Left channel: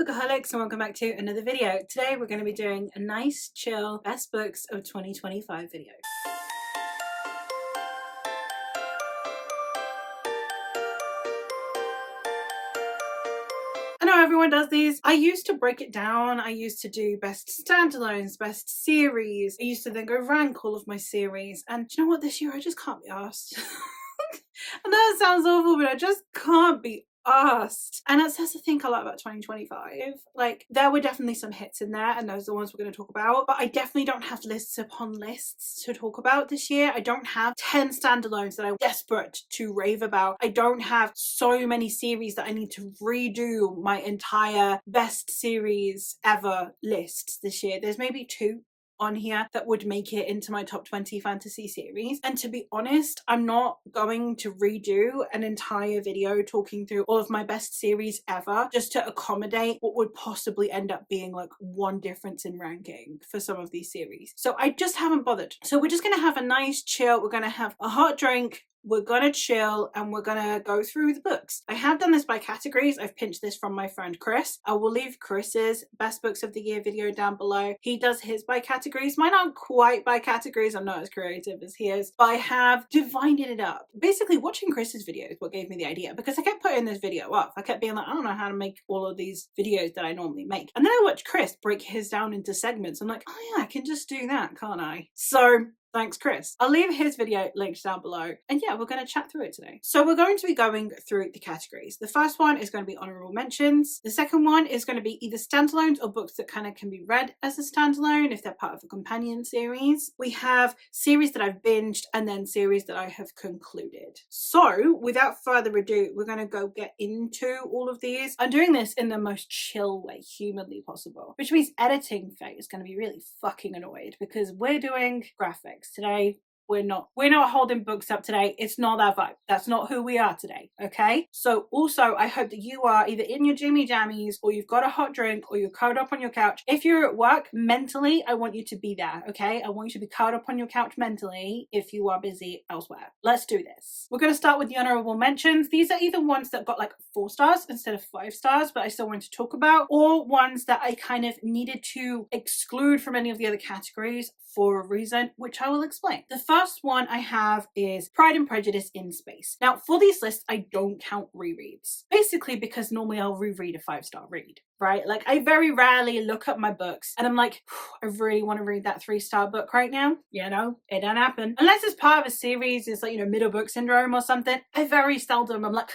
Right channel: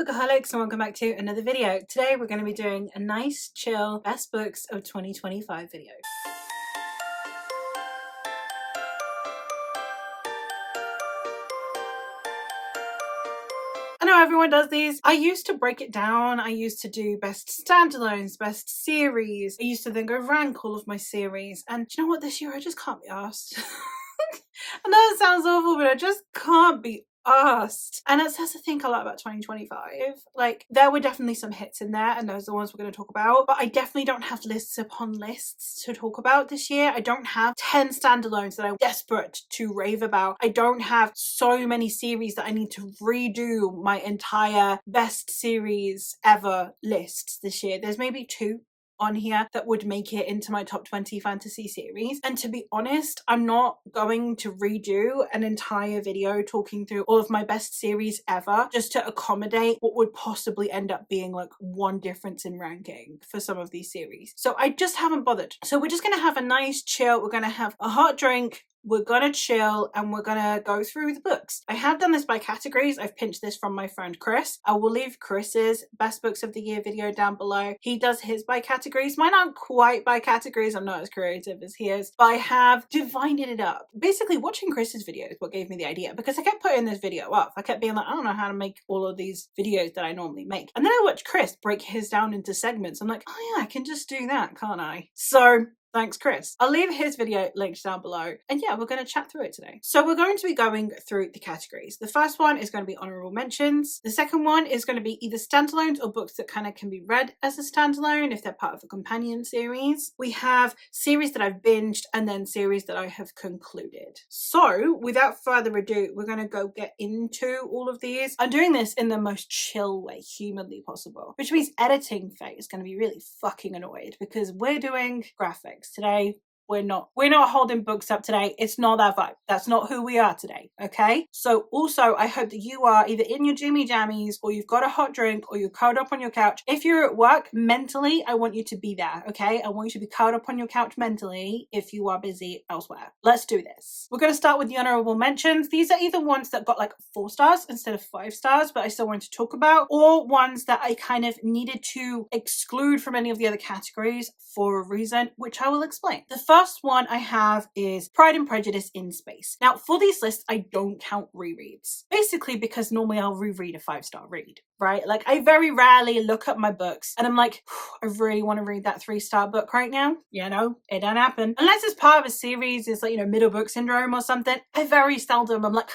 Bookaholics, and welcome back to another video. Today we're going to be doing a nice, chill, best books of 2025 video. I know everyone does these. I used to break it down. I used to do best standalones, best series. I used to then go rank all of my series. And do you know what? This year I just can't be arsed. I know it sounds awful, but I just can't be asked. And that's the thing I like about 2025. Like, there were definitely some hits in there, and those are the ones we're going to talk about, but I definitely don't have lists upon lists to talk about this year. I don't have 10 standalones that I'm desperate to rave about. I don't have so many series that I need to redo my entire best series ever lists this year. There's maybe 2 on here that would make it into my top 20 fantasy series. And to be honest, I'm not going to redo an entire video talking through all of my best series ever just to accommodate what would possibly end up being like one difference in ranking for some of these series. So I just haven't bothered. So we're just gonna have a nice chill. We're gonna have a hot drink. We're gonna chill and we're gonna go through the books. I have done this by categories. I've pinched this from my friend Chris. I will leave Chris's best books of the year video down below. He does his by categories. Mine aren't quite by categories. I'm not as creative as he is, but I have divided it up. Basically, watching Chris's video is what gave me the idea, because I kept putting this video up. I kept being like, I don't know how to make all of these videos that I normally make. And then I watched Chris break his down into segments. I'm like, oh yeah, I can just do that, can't I? So thanks, Chris. I'll leave his video linked down below. And yeah, we're going to chat through it today. So we're going to be going through the categories. The first one is going to be honorable mentions. The second one is going to be either standalones or books that kind of can be read as a standalone if they're part of a companion series. We have series that I've binged and then series that I have concluded. So without further ado, we're going to go get into all of these. I'm doing this in the most chill way humanly possible, which means editing Faye is going to be really fucking annoyed because we're doing graphics today. We're not holding books up today. It's not that vibe. That's not who we are today, okay? So also, I hope that you are either in your Jimmy Jammies or you've got a hot drink or you're curled up on your couch. If you're at work, mentally, I want you to be there, okay? I want you to be curled up on your couch mentally if you are busy elsewhere. Let's do this. We're going to start with the honorable mentions. These are either ones that got like 4 stars instead of 5 stars, but I still wanted to talk about, or ones that I kind of needed to exclude from any of the other categories for a reason, which I will explain. The first one I have is Pride and Prejudice in Space. Now, for these lists, I don't count rereads. Basically, because normally I'll reread a 5-star read, right? Like, I very rarely look at my books and I'm like, I really want to read that 3-star book right now. You know, it don't happen. Unless it's part of a series, it's like, you know, middle book syndrome or something. I very seldom, I'm like,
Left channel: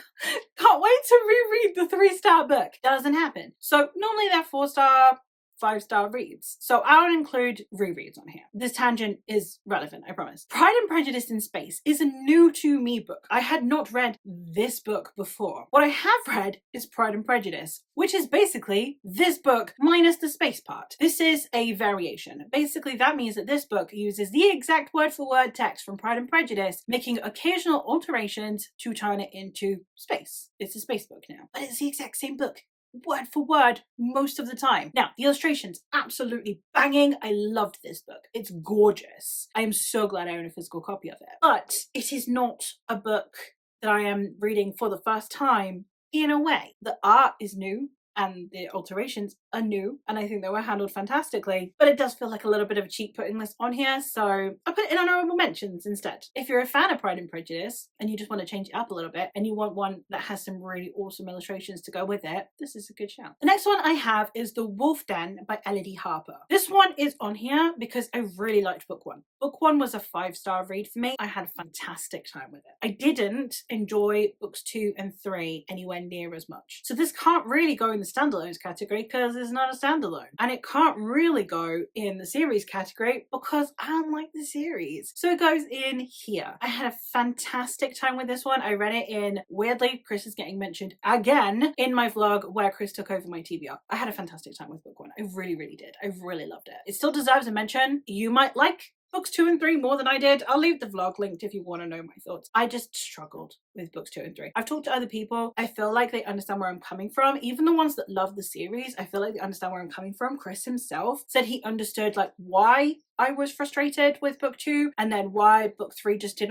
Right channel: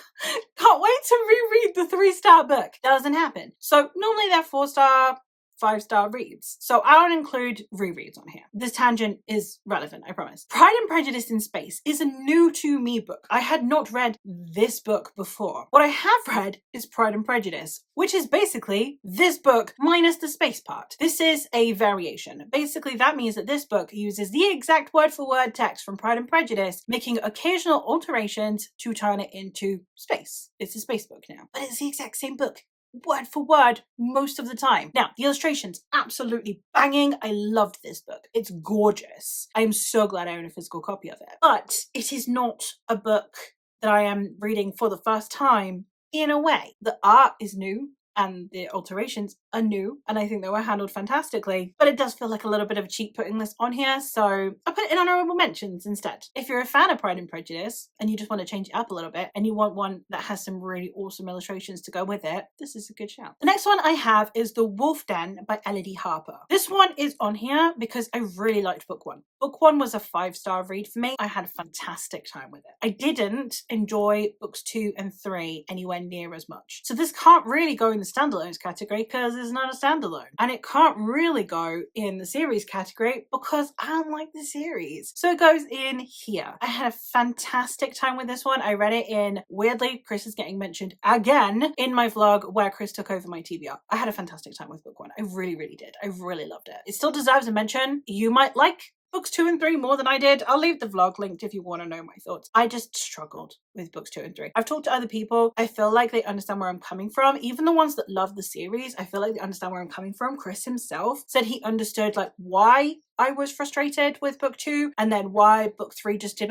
can't wait to reread the 3-star book. Doesn't happen. So normally they're 4-star, 5-star reads. So I don't include rereads on here. This tangent is relevant, I promise. Pride and Prejudice in Space is a new to me book. I had not read this book before. What I have read is Pride and Prejudice, which is basically this book minus the space part. This is a variation. Basically, that means that this book uses the exact word for word text from Pride and Prejudice, making occasional alterations to turn it into space. It's a space book now, but it's the exact same book, word for word most of the time. Now, the illustrations, absolutely banging. I loved this book. It's gorgeous. I am so glad I own a physical copy of it. But it is not a book that I am reading for the first time in a way. The art is new and the alterations are new, and I think they were handled fantastically, but it does feel like a little bit of a cheat putting this on here, so I put it in honorable mentions instead. If you're a fan of Pride and Prejudice and you just want to change it up a little bit and you want one that has some really awesome illustrations to go with it, this is a good shout. The next one I have is The Wolf Den by Elodie Harper. This one is on here because I really liked book 1. Book 1 was a 5-star read for me. I had a fantastic time with it. I didn't enjoy books 2 and 3 anywhere near as much. So this can't really go in the standalones category because it's not a standalone. And it can't really go in the series category because I don't like the series. So it goes in here. I had a fantastic time with this one. I read it in, weirdly, Chris is getting mentioned again in my vlog where Chris took over my TBR. I had a fantastic time with book 1. I really, really did. I really loved it. It still deserves a mention. You might like books 2 and 3 more than I did. I'll leave the vlog linked if you want to know my thoughts. I just struggled with books 2 and 3. I've talked to other people. I feel like they understand where I'm coming from. Even the ones that love the series, I feel like they understand where I'm coming from. Chris himself said he understood like why I was frustrated with book 2 and then why book 3 just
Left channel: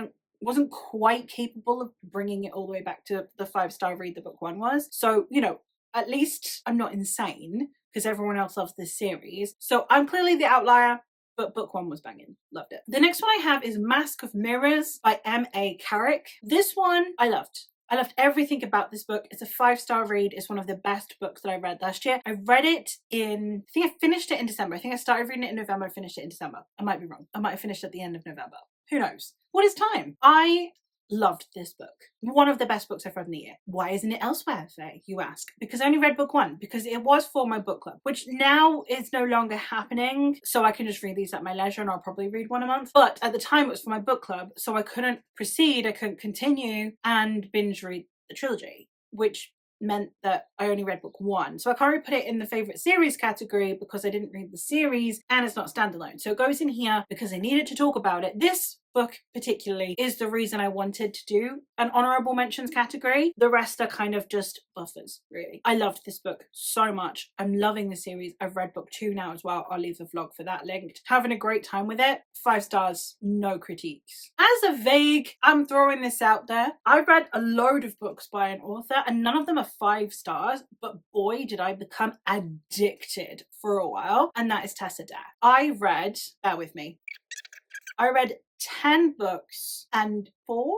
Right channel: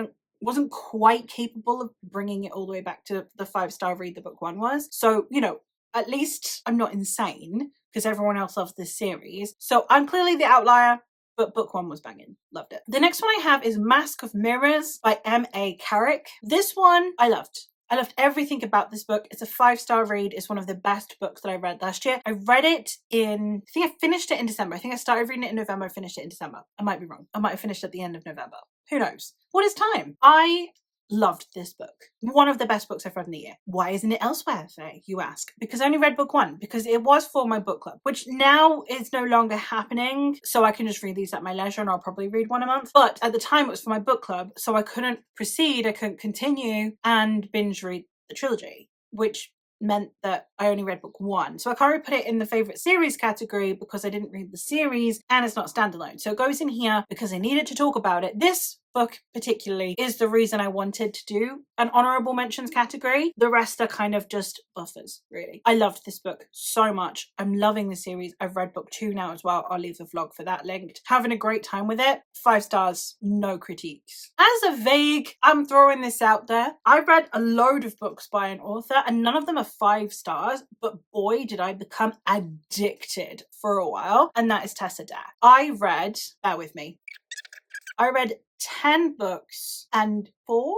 wasn't quite capable of bringing it all the way back to the 5-star read that book 1 was. So, you know, at least I'm not insane, because everyone else loves this series. So I'm clearly the outlier, but book one was banging. Loved it. The next one I have is Mask of Mirrors by M.A. Carrick. This one I loved. I loved everything about this book. It's a 5-star read. It's one of the best books that I read last year. I read it I think I finished it in December. I think I started reading it in November. I finished it in December. I might be wrong. I might have finished at the end of November. Who knows? What is time? I loved this book. One of the best books I've read in the year. Why isn't it elsewhere today, you ask? Because I only read book one, because it was for my book club, which now is no longer happening. So I can just read these at my leisure, and I'll probably read one a month. But at the time it was for my book club, so I couldn't proceed, I couldn't continue and binge read the trilogy, which meant that I only read book one. So I can't really put it in the favourite series category because I didn't read the series and it's not standalone. So it goes in here because I needed to talk about it. This book particularly is the reason I wanted to do an honourable mentions category. The rest are kind of just buffers, really. I loved this book so much. I'm loving the series. I've read book 2 now as well. I'll leave the vlog for that linked. Having a great time with it. 5 stars, no critiques. As a vague, I'm throwing this out there. I read a load of books by an author and none of them are 5 stars, but boy did I become addicted for a while, and that is Tessa Dare. I read 10 books and 4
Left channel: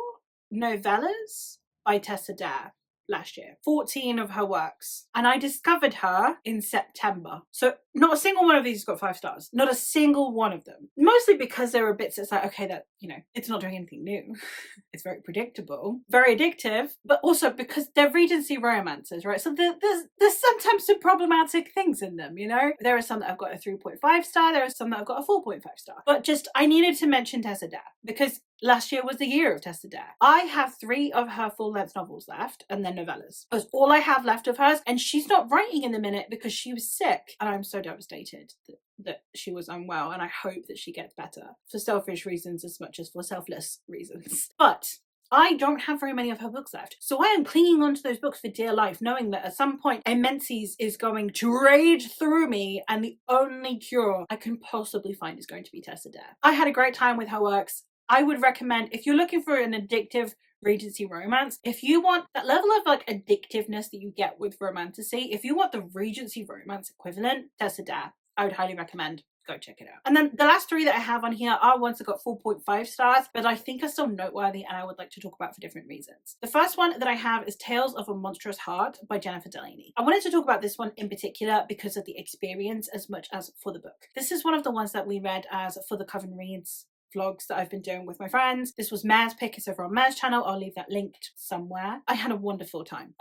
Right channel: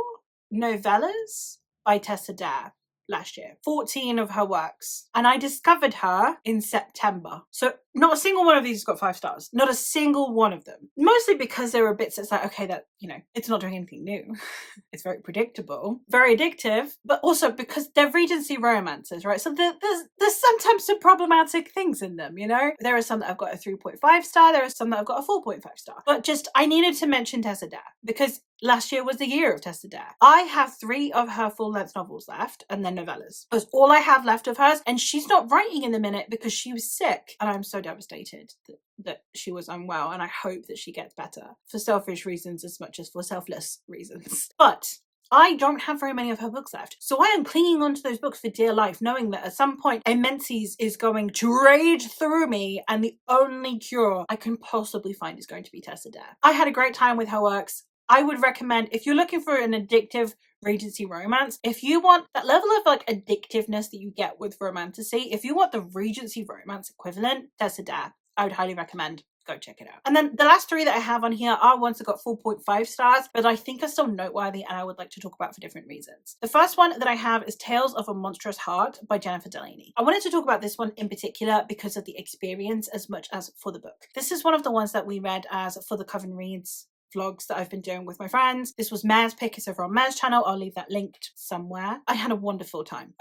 novellas by Tessa Dare last year. 14 of her works. And I discovered her in September. So not a single one of these has got 5 stars. Not a single one of them. Mostly because there were bits that's like, okay, that, it's not doing anything new. It's very predictable, very addictive, but also because they're Regency romances, right? So there's sometimes some problematic things in them, There are some that I've got a 3.5 star, there are some that I've got a 4.5 star. But just, I needed to mention Tessa Dare because last year was the year of Tessa Dare. I have 3 of her full-length novels left, and then novellas. That's all I have left of hers, and she's not writing in the minute because she was sick, and I'm so devastated that she was unwell, and I hope that she gets better for selfish reasons as much as for selfless reasons. But I don't have very many of her books left. So I am clinging onto those books for dear life, knowing that at some point a menses is going to rage through me and the only cure I can possibly find is going to be Tessa Dare. I had a great time with her works. I would recommend, if you're looking for an addictive Regency romance, if you want that level of addictiveness that you get with romantasy, if you want the Regency romance equivalent, Tessa Dare, I would highly recommend go check it out. And then the last 3 that I have on here are ones that got 4.5 stars, but I think are still noteworthy and I would like to talk about for different reasons. The first one that I have is Tales of a Monstrous Heart by Jennifer Delaney. I wanted to talk about this one in particular because of the experience as much as for the book. This is one of the ones that we read as for the Coven Reads vlogs that I've been doing with my friends. This was Mare's pick. It's over on Mare's channel. I'll leave that linked somewhere. I had a wonderful time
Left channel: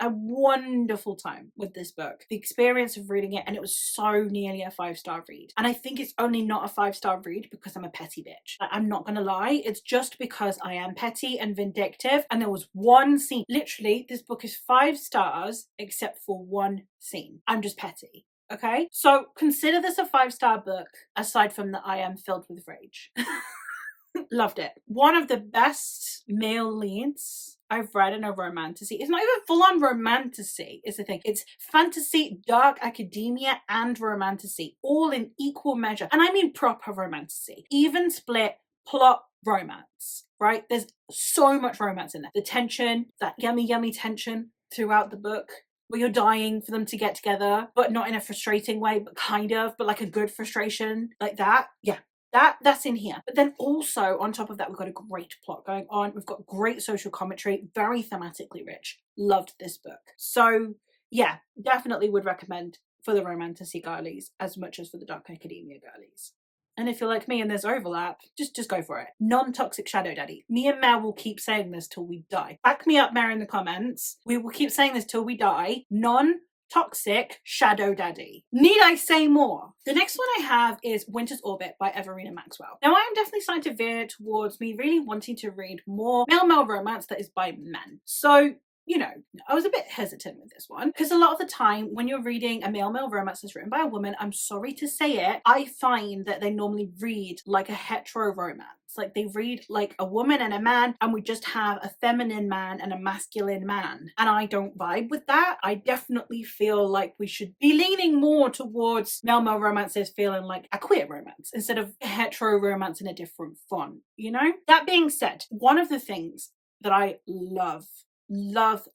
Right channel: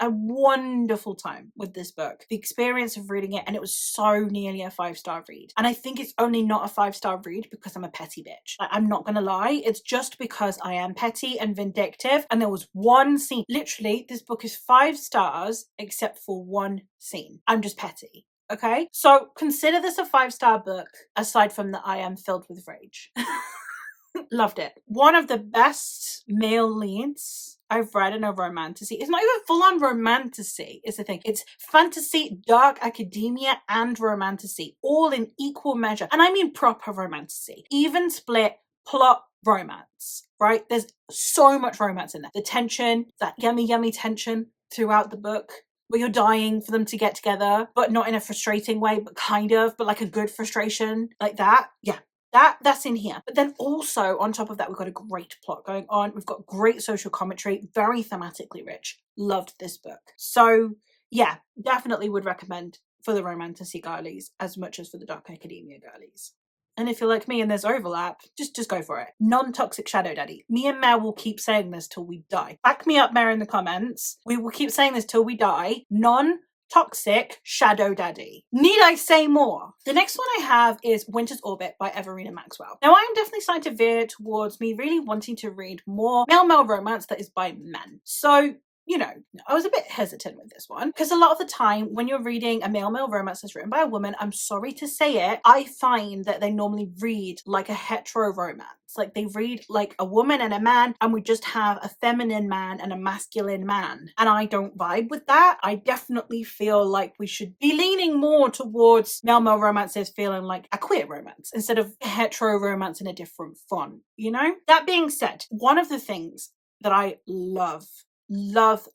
with this book. The experience of reading it, and it was so nearly a 5-star read. And I think it's only not a 5-star read because I'm a petty bitch. I'm not gonna lie. It's just because I am petty and vindictive. And there was one scene. Literally, this book is 5 stars except for one scene. I'm just petty. Okay? So consider this a 5-star book aside from that I am filled with rage. Loved it. One of the best male leads I've read in a romantasy. It's not even full-on romantasy, is the thing. It's fantasy, dark academia, and romantasy, all in equal measure. And I mean proper romantasy. Even split plot romance, right? There's so much romance in there. The tension, that yummy, yummy tension throughout the book, where you're dying for them to get together, but not in a frustrating way, but kind of, but like a good frustration, like that. Yeah. That's in here. But then also on top of that, we've got a great plot going on. We've got great social commentary, very thematically rich. Loved this book. So yeah, definitely would recommend for the romantasy girlies as much as for the dark academia girlies. And if you're like me and there's overlap, just go for it. Non-toxic shadow daddy. Me and Mare will keep saying this till we die. Back me up, Mare, in the comments. We will keep saying this till we die. Non-toxic shadow daddy. Need I say more? The next one I have is Winter's Orbit by Everina Maxwell. Now I'm definitely starting to veer towards me really wanting to read more male romance that is by men. So I was a bit hesitant with this one because a lot of the time when you're reading a male romance that's written by a woman, I'm sorry to say it, I find that they normally read like a hetero romance. Like they read like a woman and a man, and we just have a feminine man and a masculine man. And I don't vibe with that. I definitely feel like we should be leaning more towards male romances feeling like a queer romance instead of a hetero romance in a different font, That being said, one of the things that I love love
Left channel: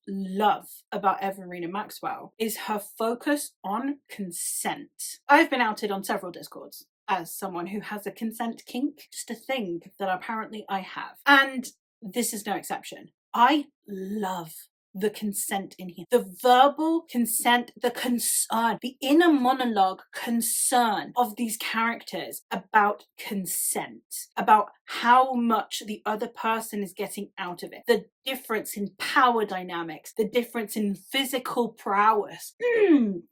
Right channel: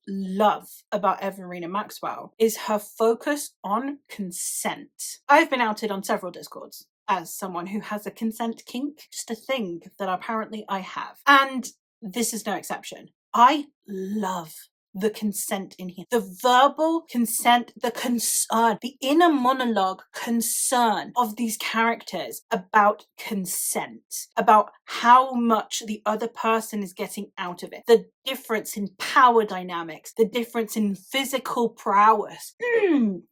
about Everina Maxwell is her focus on consent. I've been outed on several Discords as someone who has a consent kink, just a thing that apparently I have. And this is no exception. I love the consent in here. The verbal consent, the concern, the inner monologue concern of these characters about consent, about how much the other person is getting out of it, the difference in power dynamics, the difference in physical prowess.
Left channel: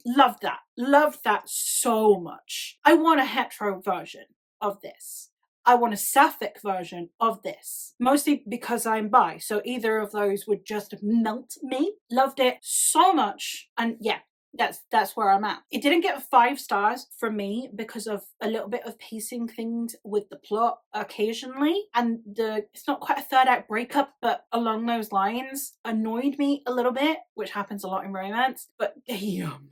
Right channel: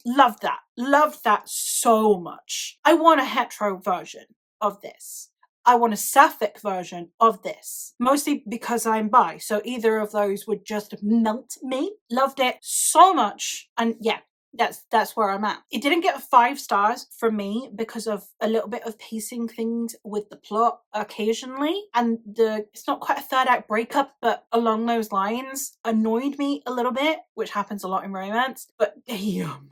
Love that. Love that so much. I want a hetero version of this. I want a sapphic version of this, mostly because I'm bi, so either of those would just melt me. Loved it so much, and yeah, that's where I'm at. It didn't get 5 stars from me because of a little bit of pacing things with the plot occasionally, and it's not quite a third act breakup, but along those lines annoyed me a little bit, which happens a lot in romance. But damn.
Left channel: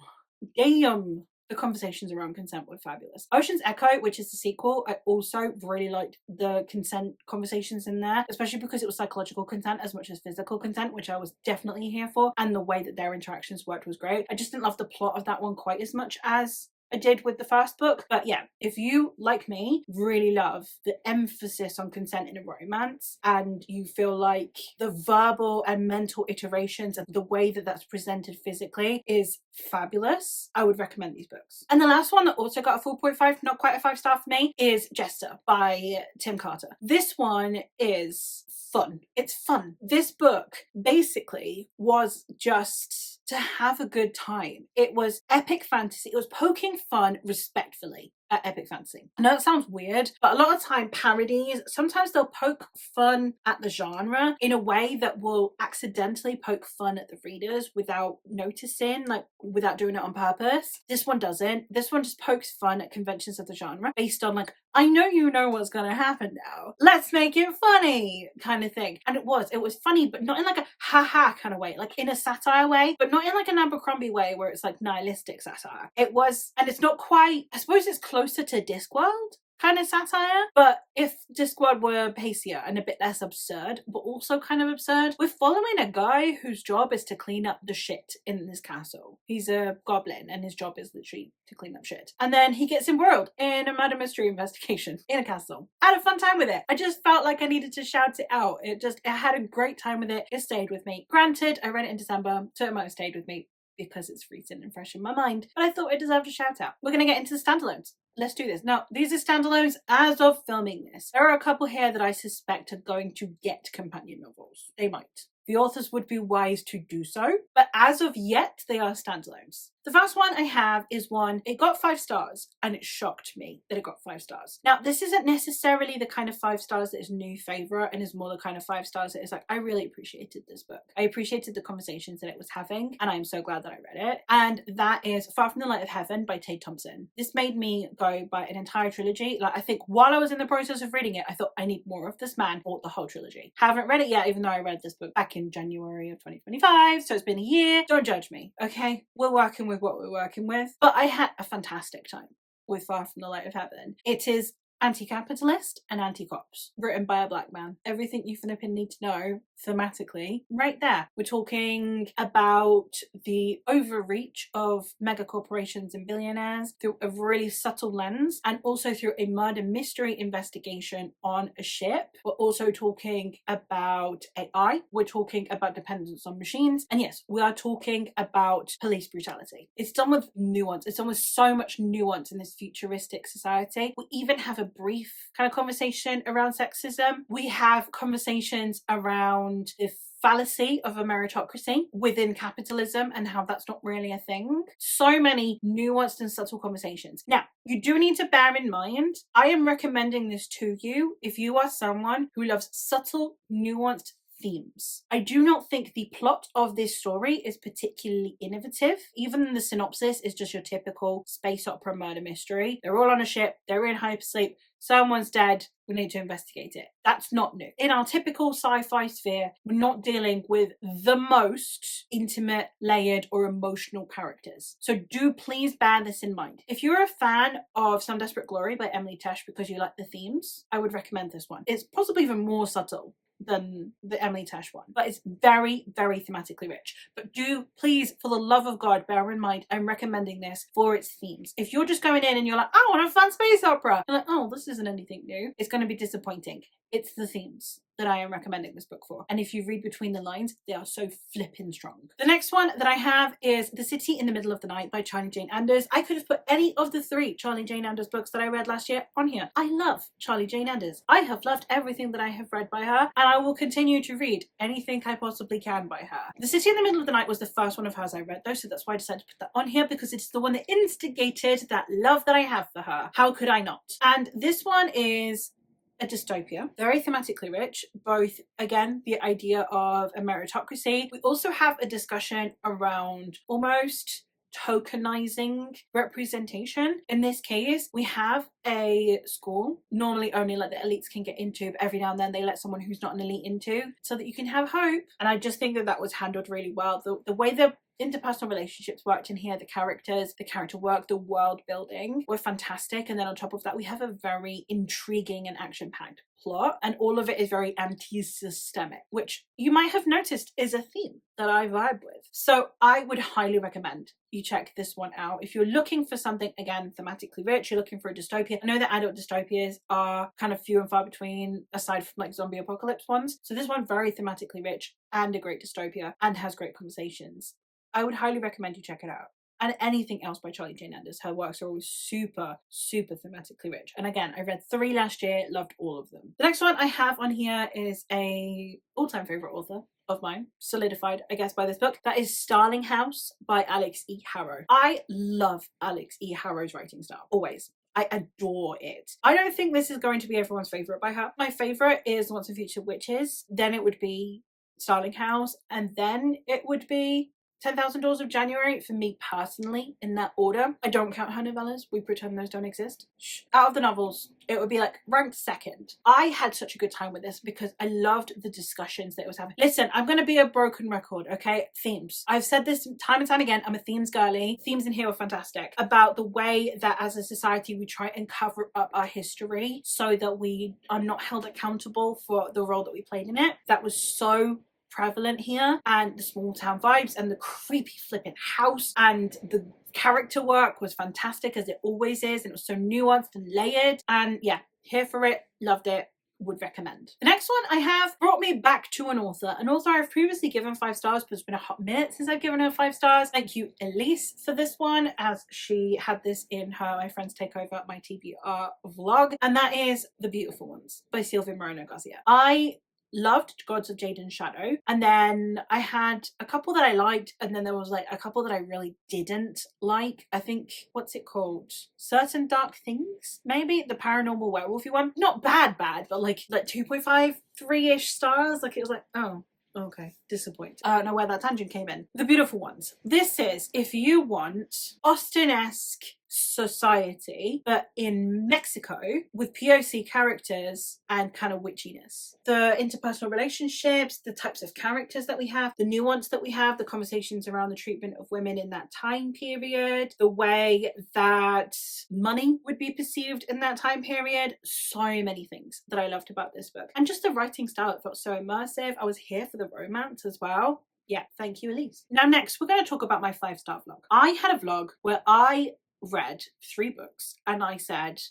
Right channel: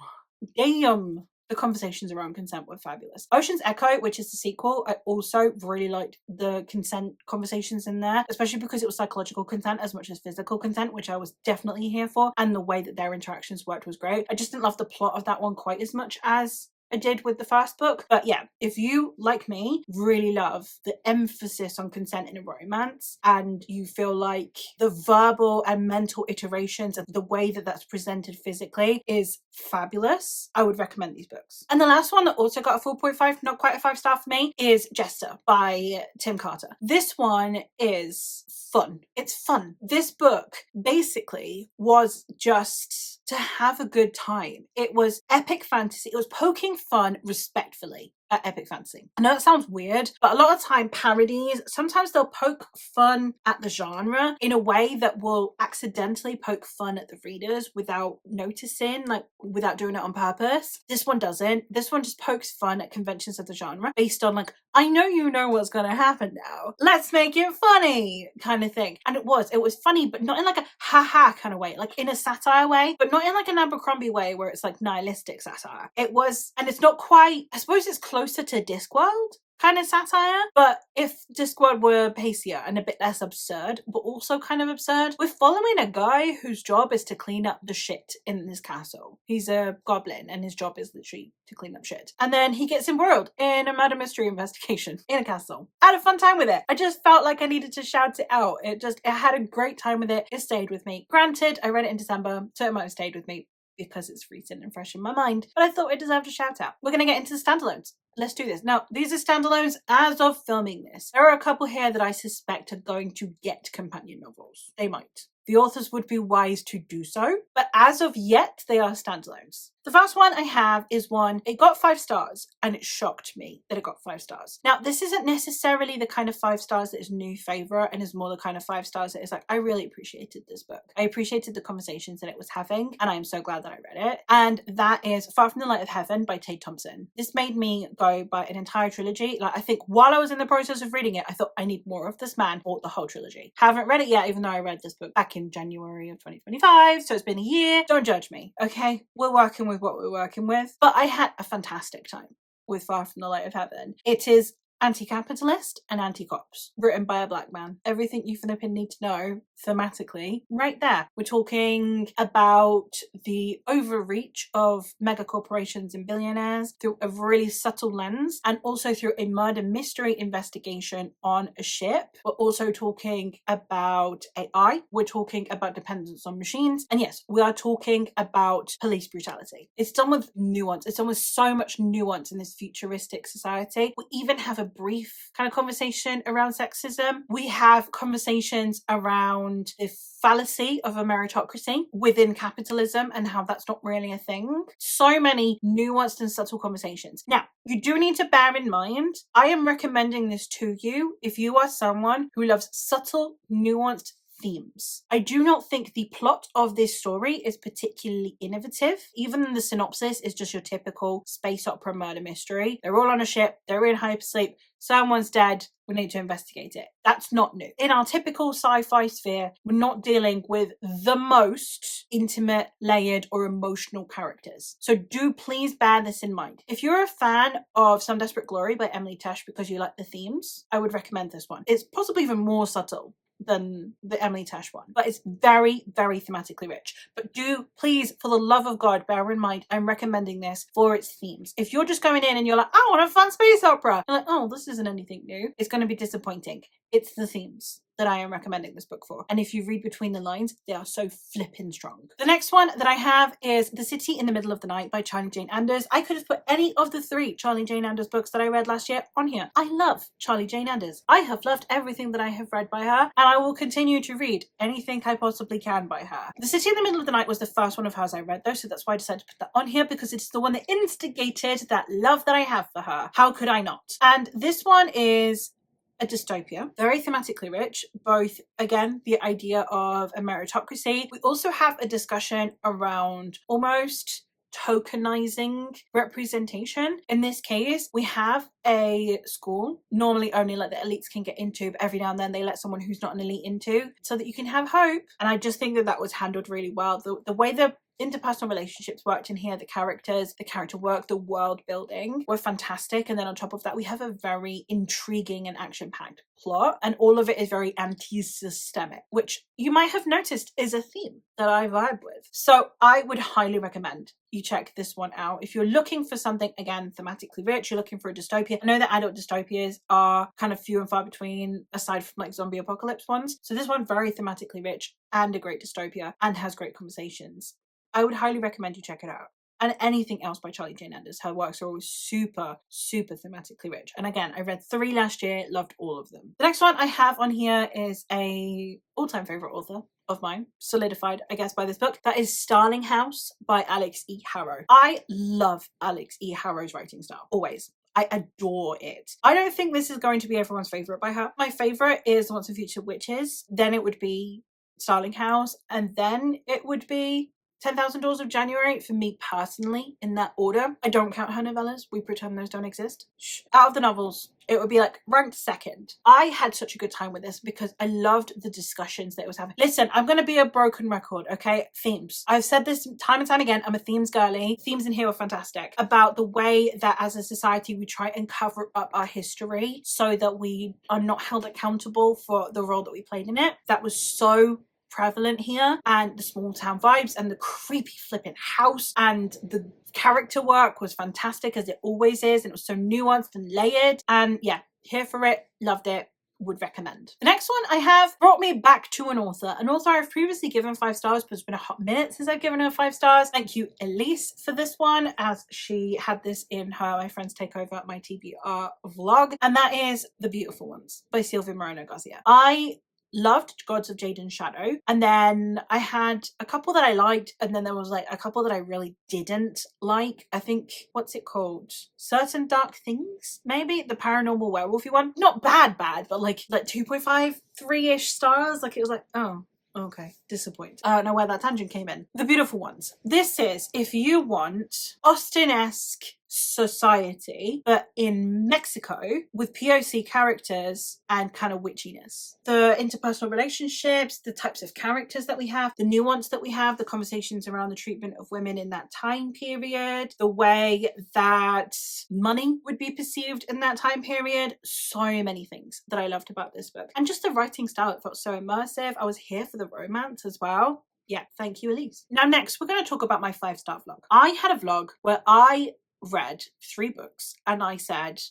The conversations around consent were fabulous. Ocean's Echo, which is the sequel, I also really liked the consent conversations in there, especially because it was psychological consent as much as physical consent, which I was definitely here for, and the way that their interactions worked was great. I just didn't love the plot of that one quite as much as I did with the first book. But yeah, if you, like me, really love the emphasis on consent in a romance, and you feel like the verbal and mental iterations of the way that that's presented physically is fabulous, I would recommend these books. And the last one that also got a 4.5, not quite a 5-star for me, is Jester by Tim Carter. This one is fun. It's fun. This book basically was just to have a good time. It was epic fantasy. It was poking fun respectfully at epic fantasy. I know that sounds weird, but a lot of time parodies, sometimes they'll poke fun at the genre in a way that will accidentally poke fun at the readers without noticing, like without doing it on purpose. This one doesn't. This one just pokes fun at conventions of the genre based on like, I know you know what's gonna happen now, let's make it funny kind of thing. And it was funny, but not in like a ha-ha kind of way, like in a satire way, but not in like an Abercrombie way where it's like nihilistic satire. It was, and it's not quite, I suppose it's closer to Discworld kind of satire, but if Discworld were pacier and a bit less absurd, but also kind of absurd, we're following a guy whose job is to clean up the shit in this castle. He's a goblin and his job is literally to clean up shit. And then he gets embroiled in a murder mystery investigation in a castle. I had a fun time with it. I just felt like I needed to shout it out. I had a great time with it. It stayed with me. Granted, I read it in December, so it might have stayed with me because it's recent and fresh in my mind, but I thought it deserved a shout out. We're going to get into the standalones. Let's do this. Now, these are standalones as of filming this. There are a couple here that I suspect are going to get companion novels. They might. The authors would be wise to do so, but as of yet, they are standalones. The first one I have is one, it got 5 stars, and it shocked me that it got 5 stars. Now, this isn't necessarily the kind of 5 stars that is new favourite, and is more the kind of 5 stars that is like, I really appreciated this book. I appreciated the conversations that it was having, and I am so glad that I read it. And that is Far From the Light of Heaven by Tate Thompson. This made me go by an entire trilogy. Like, I think while I was in the process of reading it, I thought I need more of this man, bought the whole trilogy. Haven't read it yet, even though I read this book back in January of 2025, so it's been a year. Don't judge me, okay? We're working with what we're working with. But I had a fantastic time with Far From the Light of Heaven. It is anti-capitalist and anti-cops, written by a black man. Everything you flipping need to know thematically right there. We're talking about the overreach of mega corporations and billionaires through a really subtle lens, and also through a murder mystery investigation on a ship. We're also talking about AI. We're talking about dependence on machines. And yes, we are talking about police brutality. It's done with nuance. It's done with so much nuance in this futuristic society. We even have a brief kind of conversation around sexism. We have conversations around the fallacy of a meritocracy within capitalism and how that's not really a thing. So many nuanced and subtle conversations. Now, you do need to bear in mind, I am recommending this to you if you are someone who loves subtle, nuanced themes. I do not think the plot of this story is particularly innovative. Even the synopsis is just your typical space opera murder mystery. They're all on a ship, they're in hypersleep, someone's dead, we need to investigate it. That's not new. In our typical sci-fi sphere, we're not dealing with the most intimate, layered, or emotional characters. So do please bear this in mind. If you're a fan of Some Desperate Glory by Emily Tesh because you like the themes, I would recommend this one. It's possibly even more subtle than the Emily Tash one, but it's very, very thematically rich. But do please, for the love of God, bear in mind, I'm recommending this for its themes. If you're just going in and you're like, I want a fun space opera, you're like, oh, this isn't anything new, it's going to be disappointing. It's the themes that I am recommending this book for. And if you read between the lines, they are so flippin' strong. The next one that I have is The City in the Middle of the Night by Charlie Jane Anders. I could have put any of the 3 Charlie Jane Anders books that I read last year on here. I love Charlie Jane Anders. I have loved everything that I have read by her, and I will continue to read anything I possibly can by her. The City in the Middle of the Night was the first one of hers I read though, so that's why I decided to put that on here, because it's the one that instigated that love that I have for her. How could I not? And this one is a dystopia, very thematically rich, both, again, the idea of a meritocracy. We also have a discussion around almost tokenizing representation. In this case, we have a school, normally only like the elites can get into, but every now and then they let someone who's not an elite into, so that you can have hope. And I just think that that was handled really well. The way the interpersonal relationships worked in here, the characters, the character work, the world building were fantastic. And then on top of that, we have a very intriguing and action-packed plot, and all of it is very anti-systemic, which you might have noticed is a theme that I vibe with. So I would highly recommend you check this one out. If you're looking for something, again, thematically rich, you're looking for a dystopia. I know that adult dystopias are kind of few and far between, aside from like zombie apocalypse ones. So this one, very thematically rich and a great dystopia and has great conversations. I would highly recommend you check it out. And anything else by Charlie Jane Anders. Her works are always super, super thematically rich. And again, I read 3 last year, loved all of them. The next one I have on here is a all-time favorite author of mine, solidified, I guess, by this book. That is Starling House by Alex E. Harrow. I love Alex E. Harrow's writing style, always. I adore it. I don't think this is going to be everyone's favorite by her. My favorite is Once and Future Witches. Then it would be Starling House. And then it would be 10,000 Doors of January, for me personally, in that order. I don't count her novellas. We pretend those don't exist. Out of the novels, it would be like ranked second. I had such a good time with this because I loved the discussions that it was having. Listen, I'm going to be a broken record, okay? Themes. I've said this time and time again. I'm a themes girly. Themes in here are fantastic. About the way that as a society we try and cover up our history so that we are not held accountable for the role that we played in it. That was so prevalent here, and the small town vibes and the creepy flipping house and the character work was fantastic, as it always is, and it was so nuanced and layered. And yeah, here for it, loved it, would recommend. The next one I have brought me back to an author I've previously given 5 stars, but it's been a hot minute since I've given her 5 stars. Thank you, Elise, for this one, as she had this in her My Friends Take Over My TBR vlog, and that is The Beautiful Ones by Silvia Moreno Garcia. I loved Gods of Jade and Shadow, and then I had a couple that I liked, and then there was like a couple that I really didn't like. I think, what's it called? Certain Dark Things, maybe? The paranormal werewolfy one. Not bad, but like 2.5, 3-ish stars. Like it was like, oh, okay, disappointed. I don't know where that tangent came in. The Beautiful Ones. This is, if you want Austen-esque society, but in Mexico, with POC characters and kind of witchiness. The interpersonal relationships, the types of characters that we have, the nuance that we have, the conversations around the treatment of women in that time period, the way that money would be perceived in that time period. So many things that I loved about this book. And just the writing style, it felt so immersive. I was here for the romance as well. Yeah, thank you, Elise. Now next, we're going to talk about my 5-star vlog. I had a vlog where I read 3 books and I said,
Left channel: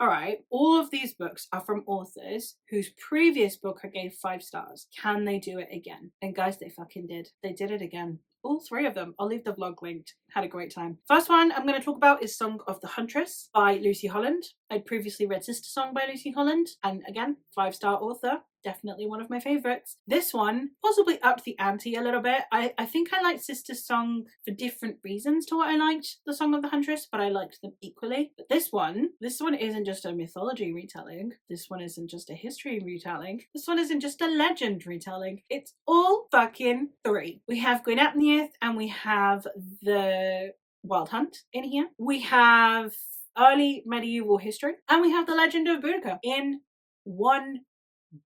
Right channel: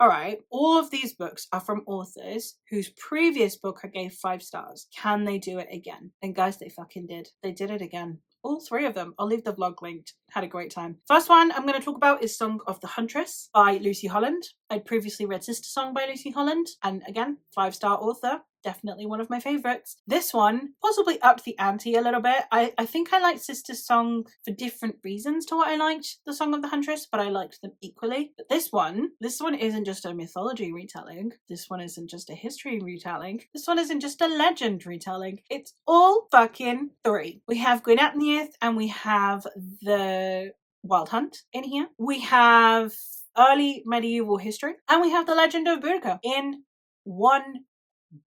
all right, all of these books are from authors whose previous book I gave 5 stars. Can they do it again? And guys, they fucking did. They did it again. All 3 of them. I'll leave the vlog linked. Had a great time. First one I'm going to talk about is Song of the Huntress by Lucy Holland. I'd previously read Sister Song by Lucy Holland, and again, 5-star author. Definitely one of my favorites. This one possibly upped the ante a little bit. I think I liked Sister Song for different reasons to what I liked the Song of the Huntress, but I liked them equally. But this one isn't just a mythology retelling. This one isn't just a history retelling. This one isn't just a legend retelling. It's all fucking 3. We have Gwyneth and we have the Wild Hunt in here. We have early medieval history, and we have the Legend of Boudica in one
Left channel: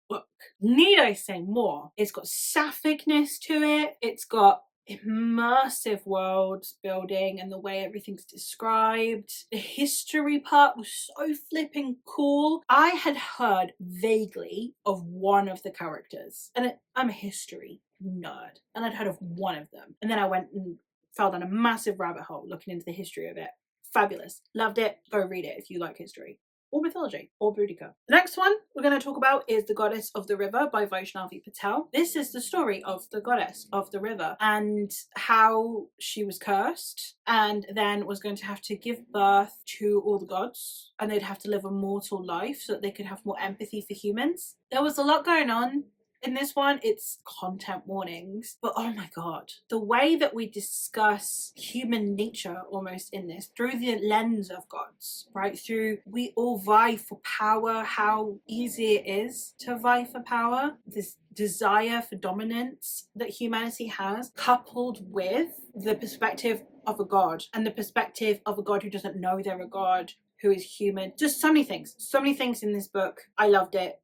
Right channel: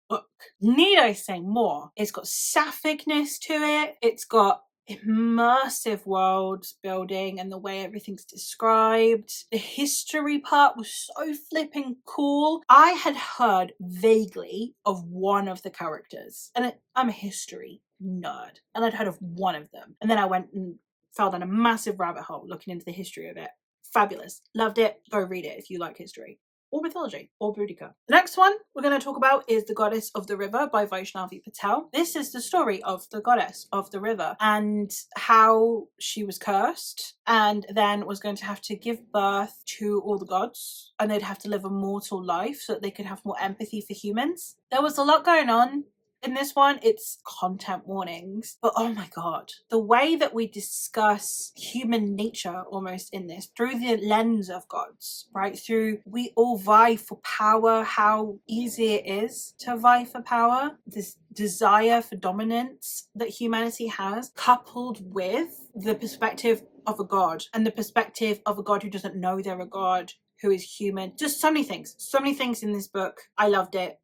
book. Need I say more? It's got sapphic-ness to it. It's got immersive world building and the way everything's described. The history part was so flipping cool. I had heard vaguely of one of the characters, and I'm a history nerd, and I'd heard of one of them. And then I went and fell down a massive rabbit hole looking into the history of it. Fabulous. Loved it. Go read it if you like history or mythology or Boudica. The next one we're going to talk about is The Goddess of the River by Vaishnavi Patel. This is the story of the goddess of the river and how she was cursed and then was going to have to give birth to all the gods, and they'd have to live a mortal life so that they could have more empathy for humans. There was a lot going on. In this one, it's content warnings, but oh my god, the way that we discuss human nature almost in this through the lens of gods, right? Through we all vie for power, how easy it is to vie for power, this desire for dominance that humanity has, coupled with the perspective of a god and the perspective of a god who doesn't know they're a god, who is human. Just so many things in this book. I loved it.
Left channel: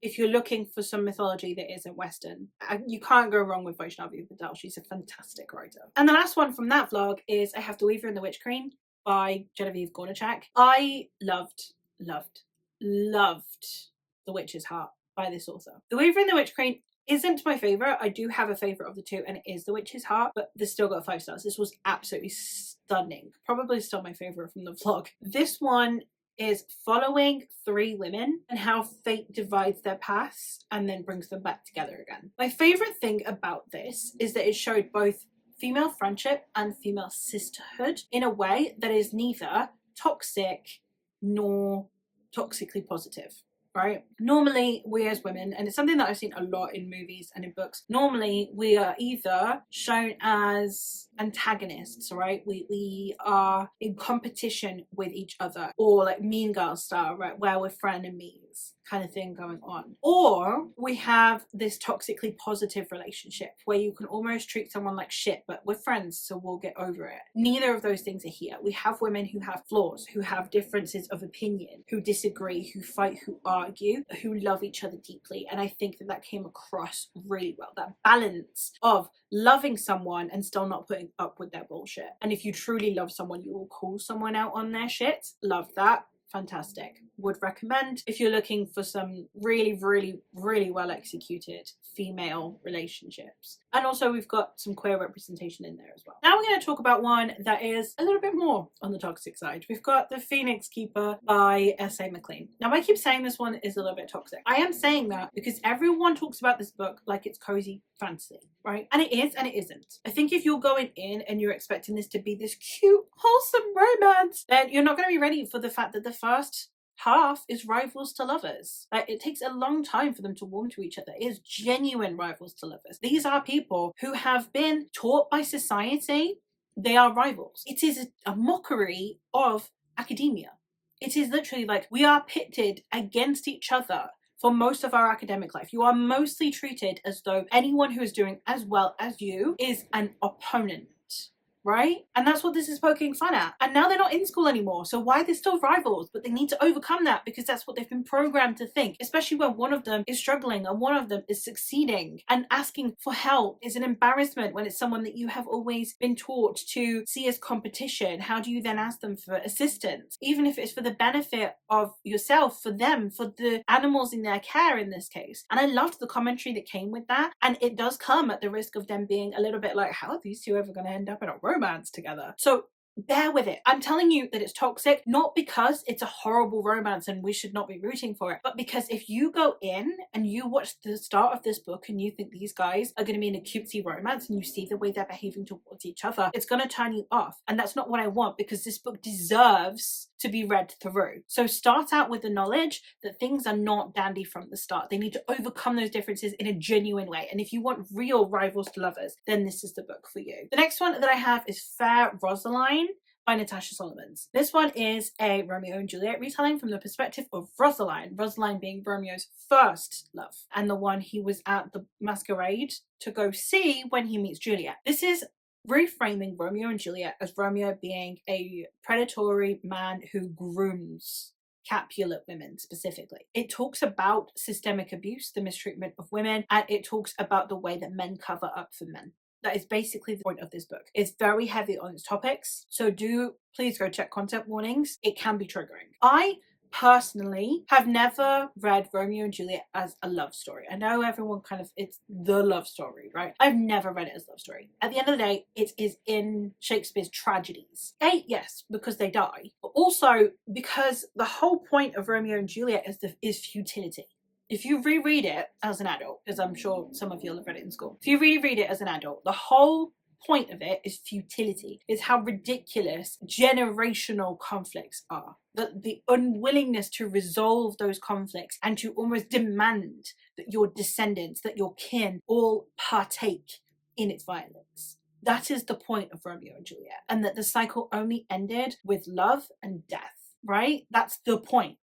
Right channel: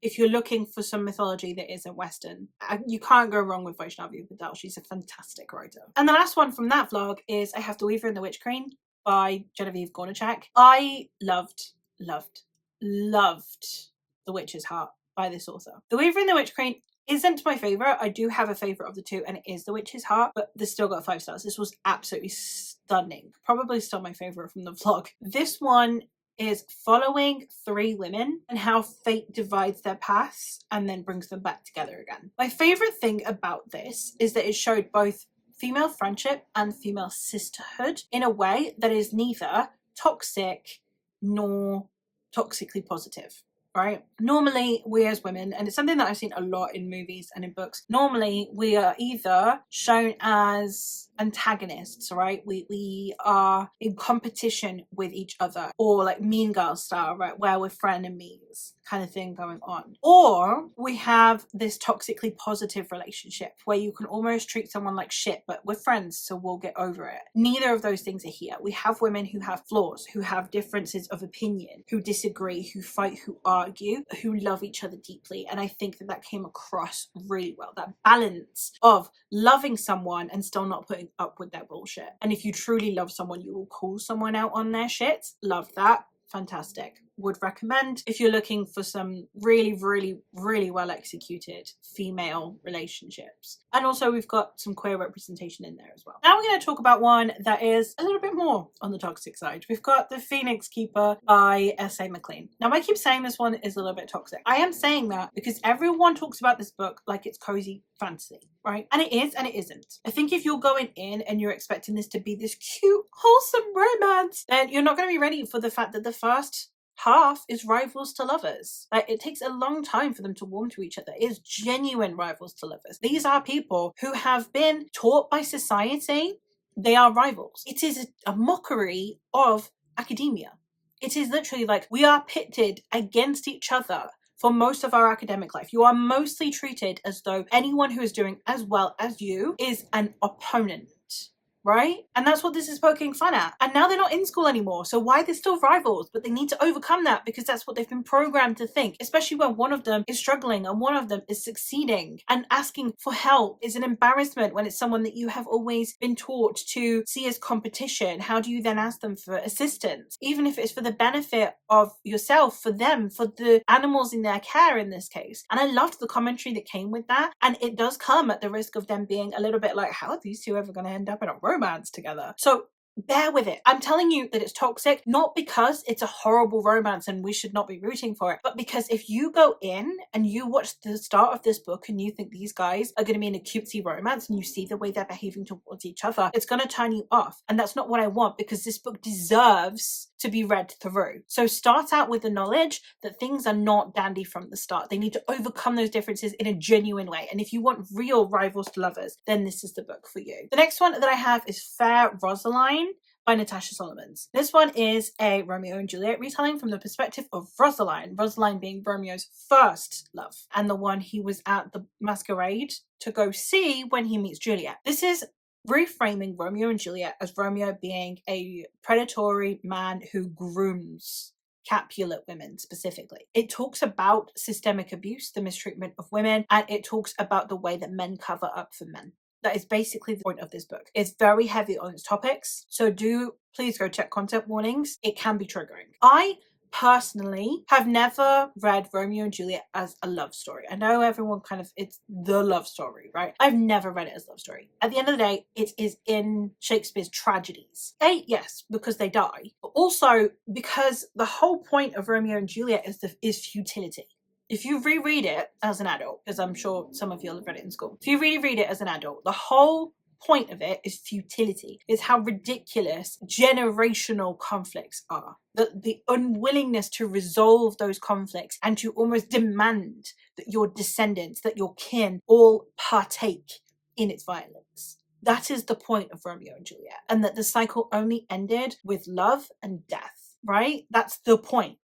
If you're looking for some mythology that isn't Western, you can't go wrong with Vaishnavi Patel. She's a fantastic writer. And the last one from that vlog is I Have the Weaver and the Witch Queen by Genevieve Gornichak. I loved The Witch's Heart by this author. The Weaver and the Witch Queen isn't my favourite. I do have a favourite of the two, and it is The Witch's Heart, but this still got 5 stars. This was absolutely stunning. Probably still my favourite from the vlog. This one is following 3 women and how fate divides their paths and then brings them back together again. My favourite thing about this is that it showed both female friendship and female sisterhood in a way that is neither toxic nor toxically positive. Right? Normally, we as women, and it's something that I've seen a lot in movies and in books, normally we are either shown as antagonists, right? We are in competition with each other, or like Mean Girl style, right? Where we're frenemies kind of thing going on. Or we have this toxically positive relationship where you can almost treat someone like shit, but we're friends, so we'll get over it. Neither of those things are here. We have women who have flaws, who have differences of opinion, who disagree, who fight, who argue, who love each other deeply. And I think that that came across really well. That balance of loving someone and still not putting up with their bullshit. And if you truly love someone, you will call someone out on their shit. Love that. Fantastic. Would recommend if you're looking for some really well executed female relationships. And also we've got some queer representation in there as well. Now we're going to talk about one that is a little bit more on the toxic side. We've got The Phoenix Keeper by S.A. McLean. Now I keep saying this one is a little bit toxic. I am saying that because everyone talks about this book like it's cozy fantasy, right? And it is and it isn't. I think if you're going in and you're expecting this to be this cute, wholesome romance, then you're not going to be ready for the fact that the first half is rivals to lovers. Like, it takes a long time for them to warm to each other. It is genuine rivals to lovers. These are people who have been taught by society they are rivals. It is a mockery of academia. It is literally like we are pitted against each other for most of our academic life. You are mostly treated as though anyone who is doing as well as you is an opponent. Right? And that's what this is poking fun at. And now they're not in school anymore. So why are they still rivals? But they need to overcome that because that's what they've been programmed to think. Especially when one of them is struggling and one of them is succeeding. And asking for help is an embarrassment when it's someone that you have always been taught to see as competition. How do you then ask them for assistance? Even if it's for the benefit of yourself, for them, for the animals in their care in this case. And I loved the commentary that came with that. And it does come at the risk of them being a little bit like, how are these two ever going to end up in a romance together? So bear with it. I'm telling you that it's toxic, not because it's a horrible romance and we should not be rooting for it, but because if you go in and you watch the start of this book and you think these guys are going to be in a cutesy romance and you see the way they're behaving towards each other, it's going to turn you off. And that's not what I want, because this book deserves to be read through. So start out with the knowledge that things are not dandy from the start. They need to overcome those differences in a genuine way. And if you want real rivals to lovers, then this is the book for you. The next one that I have is Fair Rosaline by Natasha Solomons. This one is a Romeo and Juliet retelling from the perspective of Rosaline. Rosaline being Romeo's first love and the one he was at the masquerade to go see when he meets Juliet. This is reframing Romeo and Juliet as Romeo being a predatory man who grooms Capulet women specifically. It talks about systemic abuse, the mistreatment of women, and it talks about the way that men cover up for men. That is basically the point of this book. It's very heavy on its topics, so do please go check content warnings. It can be triggering. I personally have never read Romeo and Juliet as a love story. I know everyone it's the love story, right? I've never read it as a love story. At the end of the day, it is in Shakespeare's tragedies. Yes, because they die, but also because the whole point of Romeo and Juliet is futility. If you reread it as an adult, because I'm sure some of you will have read it in school, if you reread it as an adult, the whole point of it is futility, is how ridiculous generational conflicts are. The unwillingness to resolve those conflicts and to almost demand that your descendants, that your kin, all partake in its violence. That is the point of Romeo and Juliet, and that the cycle only ended with love and death, right? That's the point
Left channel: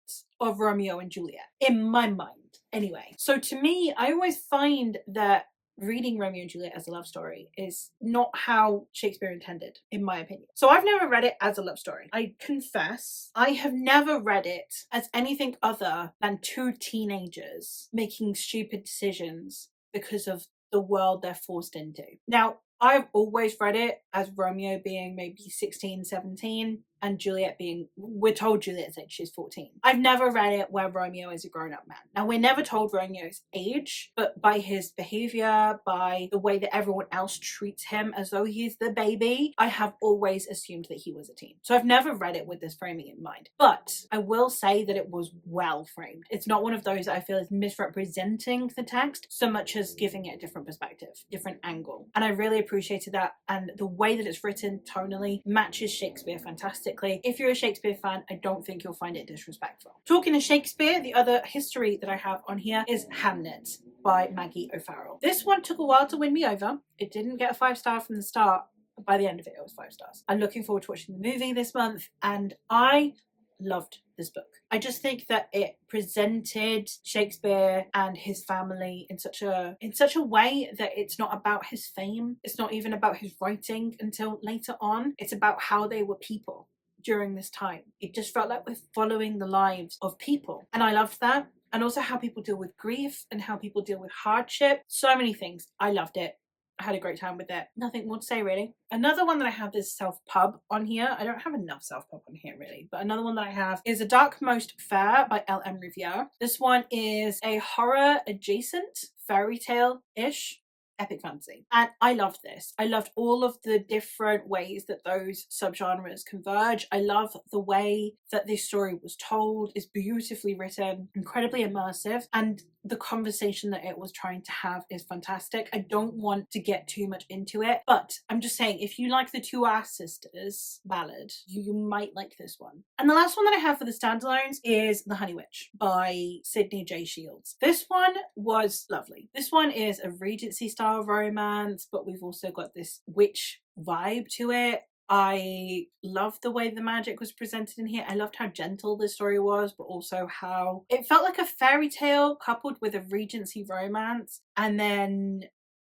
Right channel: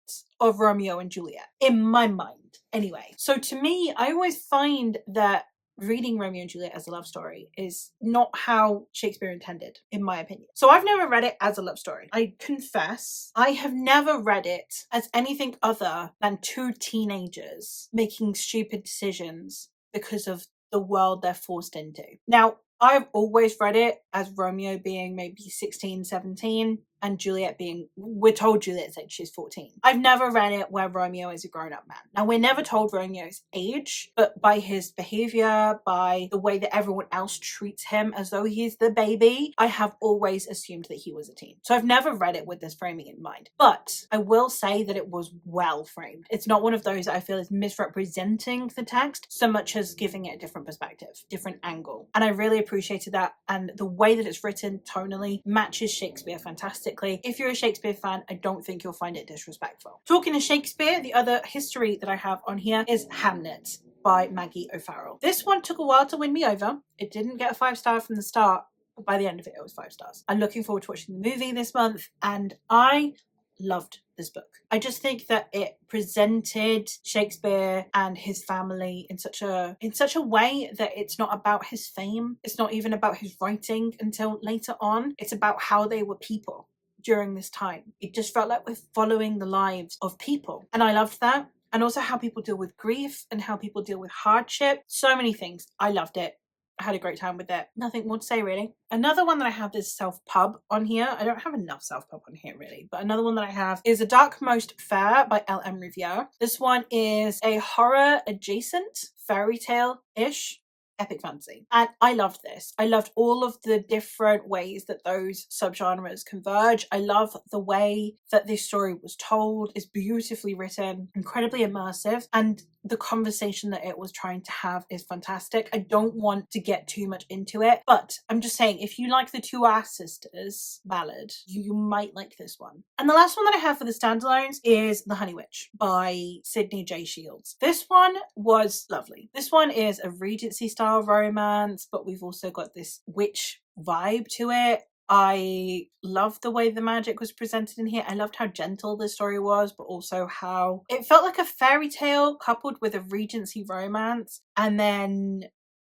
of Romeo and Juliet, in my mind. Anyway, so to me, I always find that reading Romeo and Juliet as a love story is not how Shakespeare intended, in my opinion. So I've never read it as a love story. I confess, I have never read it as anything other than two teenagers making stupid decisions because of the world they're forced into. Now, I've always read it as Romeo being maybe 16, 17, and Juliet being, we're told Juliet's age, she's 14. I've never read it where Romeo is a grown-up man. Now, we're never told Romeo's age, but by his behavior, by the way that everyone else treats him as though he's the baby, I have always assumed that he was a teen. So I've never read it with this framing in mind. But I will say that it was well framed. It's not one of those that I feel is misrepresenting the text so much as giving it a different perspective, different angle. And I really appreciated that. And the way that it's written tonally matches Shakespeare fantastically. If you're a Shakespeare fan, I don't think you'll find it disrespectful. Talking of Shakespeare, the other history that I have on here is Hamlet by Maggie O'Farrell. This one took a while to win me over. It didn't get a 5-star from the start, but by the end of it, it was 5 stars. I'm looking forward to watching the movie this month, and I loved this book. I just think that it presented Shakespeare and his family in such a way that it's not about his fame. It's not even about his writing until later on. It's about how they were people during this time. It just felt like we're following the lives of people, and I loved that. And also how people deal with grief and how people deal with hardship. So many things. I loved it. I had a great time with it. Nothing more to say, really. Another one that I have is Self Pub on here. I don't have enough Self Pub on here, really. But another one that I have is A Dark Most Fair by L.M. Riviere. This one is a horror adjacent fairy tale-ish epic fantasy. And I loved this. I loved all of the different ways that those subgenres converge. I love the way that this story was told. It's beautifully written, incredibly immersive, and the conversation that it was trying to have is fantastic. I don't want to get too much into it, but I'm just saying, if you like the Two Ass Sisters ballad, you might like this one. And the last one that I have for the standalones is The Honey Witch by Sydney J. Shields. This one was lovely. This one is a Regency style romance, but we've also got this witch vibe to it. I loved the way the magic was presented in here. I loved how gentle the story was, but also how it felt like a fairy tale coupled with a Regency romance and then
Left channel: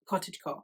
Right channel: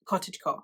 cottagecore,